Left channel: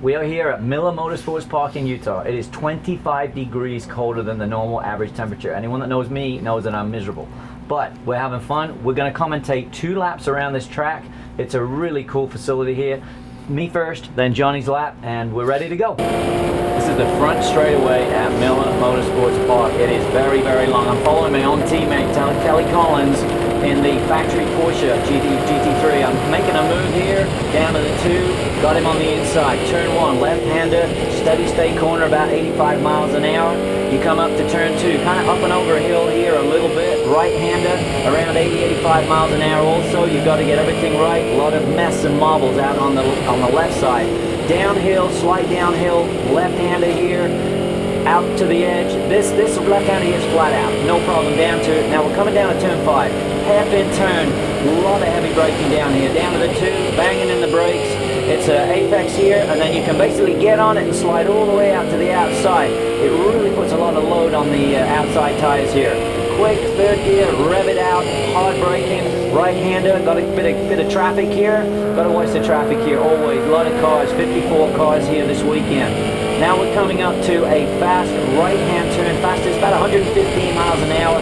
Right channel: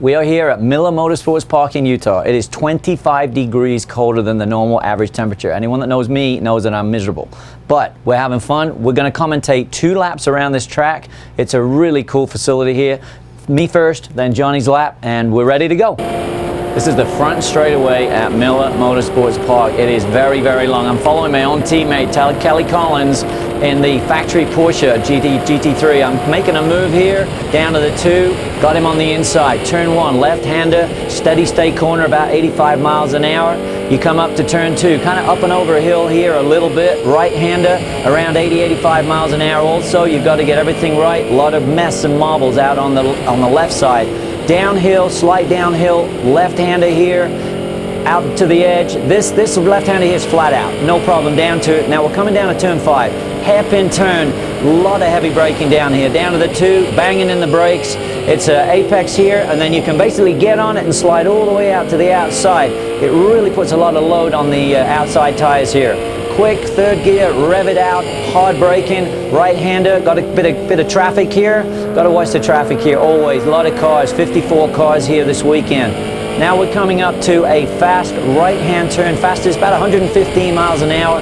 We are here at Miller Motorsport Park in Utah. It is 25 degrees colder than the normal average temperature. Anyone that knows me knows that I'm miserable. But we're having fun. We're going to commentate 2 laps around this track. It's a really cool facility here. Me first, then Johnny's lap, and we're ready to go. This is the front straightaway at Miller Motorsports Park. It is very, very long. I'm following my own teammate, Kelly Collins, in the factory Porsche GT3. I'm making a move here, down to the 2, got him on the inside. Turn 1, left-hander, steady state corner, about 85 miles an hour. You come up to turn 2, kind of up and over a hill here a little bit. Right-hander, around 80-85 miles an hour also. You've got to get everything right. A lot of mess and marbles out on the left side. Downhill, slight downhill, left-hander here, out to the edge. This left-hander here is flat out, no problem. Down to, now we're coming down to turn 5. Hairpin turn, a lot of heavy braking down here. Down to the 2, banging in the brakes. It's an apex here, and then you can basically get on it and slide all the way out to the outside. It really puts a lot of load on the outside tires here. Quick, 3rd gear, rev it out, hard braking, right-hander, got a bit of traffic here. Got to watch the traffic here always. A lot of cars, 54 cars here this weekend. Now we're coming up to a fast right-hand turn, fastest about 115 miles an hour.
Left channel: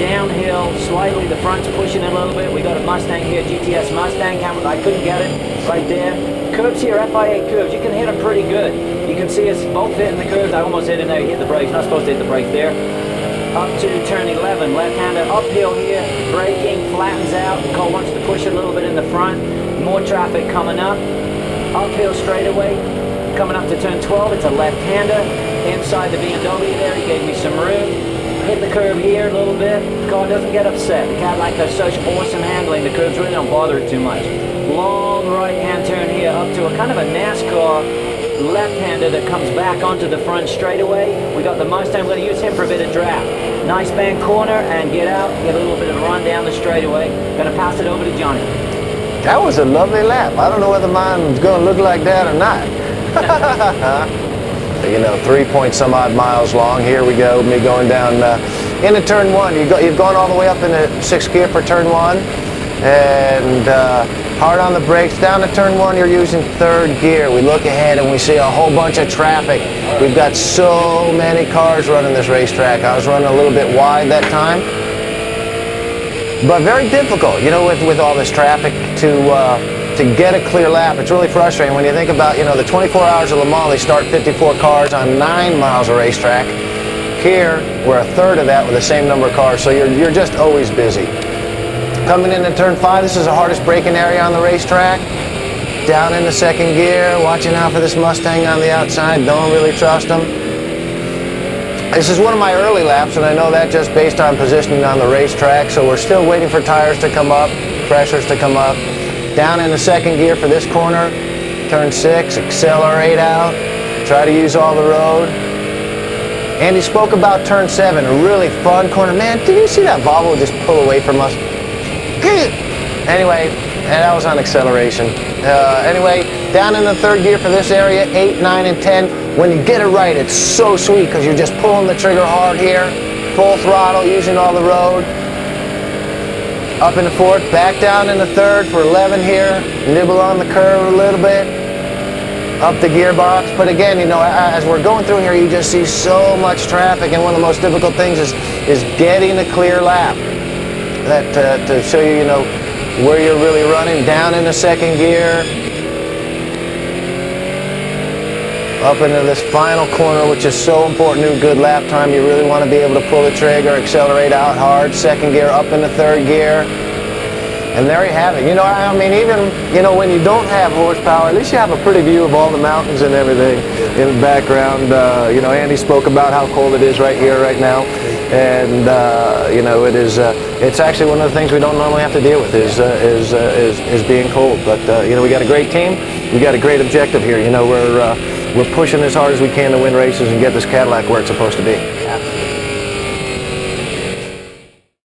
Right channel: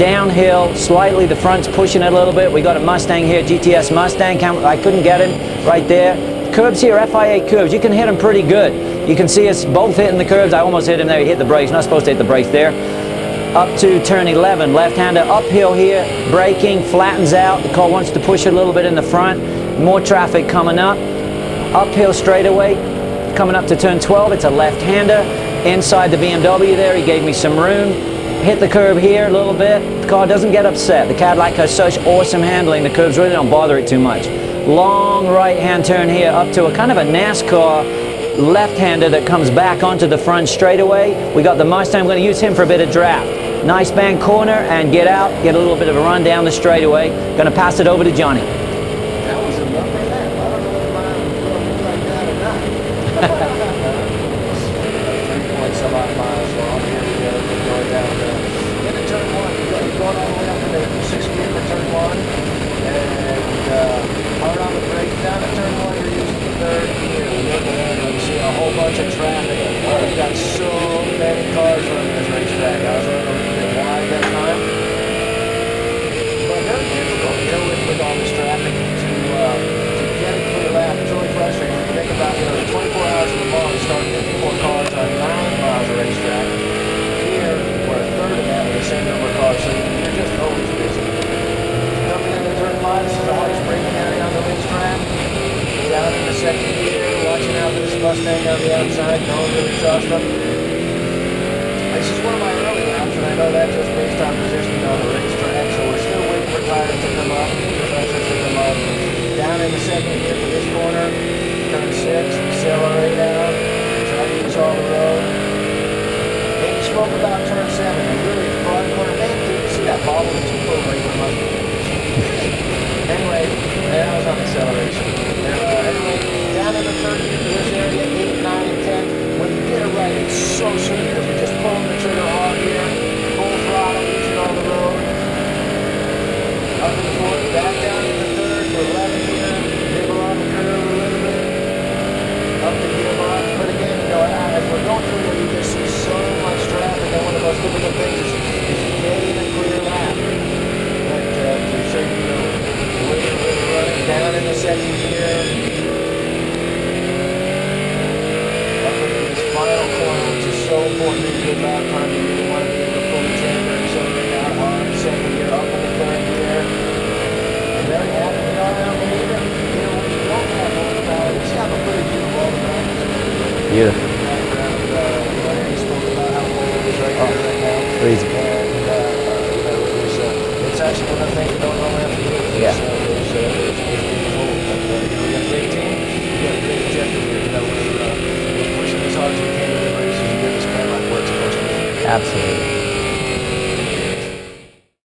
Downhill, slightly, the front's pushing it a little bit. We got a Mustang here, GTS Mustang. I couldn't get it right there. Curbs here, FIA curbs. You can hit them pretty good. You can see us both hitting the curbs. I almost hit him there. He hit the brakes. Not supposed to hit the brakes there. Up to turn 11, left-hander uphill here, braking, flattens out. The car wants to push it a little bit in the front. More traffic coming up. Uphill straightaway, coming up to turn 12. It's a left-hander. Inside the BMW there, he gave me some room. Hit the curb here a little bit. The car doesn't get upset. The Cadillac has such awesome handling. The curbs really don't bother it too much. Long right-hand turn here up to a kind of a NASCAR left-hander that comes back onto the front straightaway. We got the Mustang. We're going to use him for a bit of draft. Nice band corner and get out, get a little bit of a run down the straightaway. Going to pass it over to Johnny. That was a lovely lap. I don't know whether mine was going to look like that or not. 3-point-some-odd miles long. Here we go. Me going down into turn 1. You've gone all the way up in the 6th gear for turn 1. And hard on the brakes. Down to turn 1, you're using 3rd gear. We look ahead and we see a whole bunch of traffic. We've got so many cars running this racetrack. I was running a little bit wide that time. But very difficult, you know, with all this traffic to get a clear lap. It's really frustrating when you think about, you know, the 24 hours of Le Mans, they start 54 cars on 9 miles of racetrack. Here, we're a third of that with the same number of cars, so you're just always busy. Coming into turn 5, this is the hardest braking area on the racetrack. Down in the 2nd gear, watching out for this Mustang on the outside. Don't really trust him. This is one of my early laps, and I know that just based on positioning on the racetrack, so we're still waiting for tires to come up, pressures to come up. Down in the 2nd gear for this corner, turn 6, accelerate out, try to use all the road. Andy spoke about turn 7, a really fun corner. Man, did you see that bobble just pull away from us? Anyway, that was on acceleration. Anyway, down in the 3rd gear for this area, 8, 9, and 10. When you get it right, it's so sweet because you're just pulling the trigger hard here, full throttle, using all the road. Up in the 4th, back down in the 3rd for 11 here. Nibble on the curve a little bit. Up the gearbox. But again, you know, as we're going through here, you just see so much traffic, and one of the most difficult things is getting the clear lap. To show you, you know, where you're really running. Down in the 2nd gear. Up into this final corner, which is so important in good lap time. You really want to be able to pull the trigger, accelerate out hard. 2nd gear, up in the 3rd gear. And there you have it. You know, I mean, even, you know, when you don't have horsepower, at least you have a pretty view of all the mountains and everything in the background. You know, Andy spoke about how cold it is right here, right now. And, you know, it's actually one of the things we don't normally have to deal with is being cold. But, you know, we got a great team. We got a great objective here. You know, we're pushing as hard as we can to win races and get this Cadillac where it's supposed to be. Absolutely.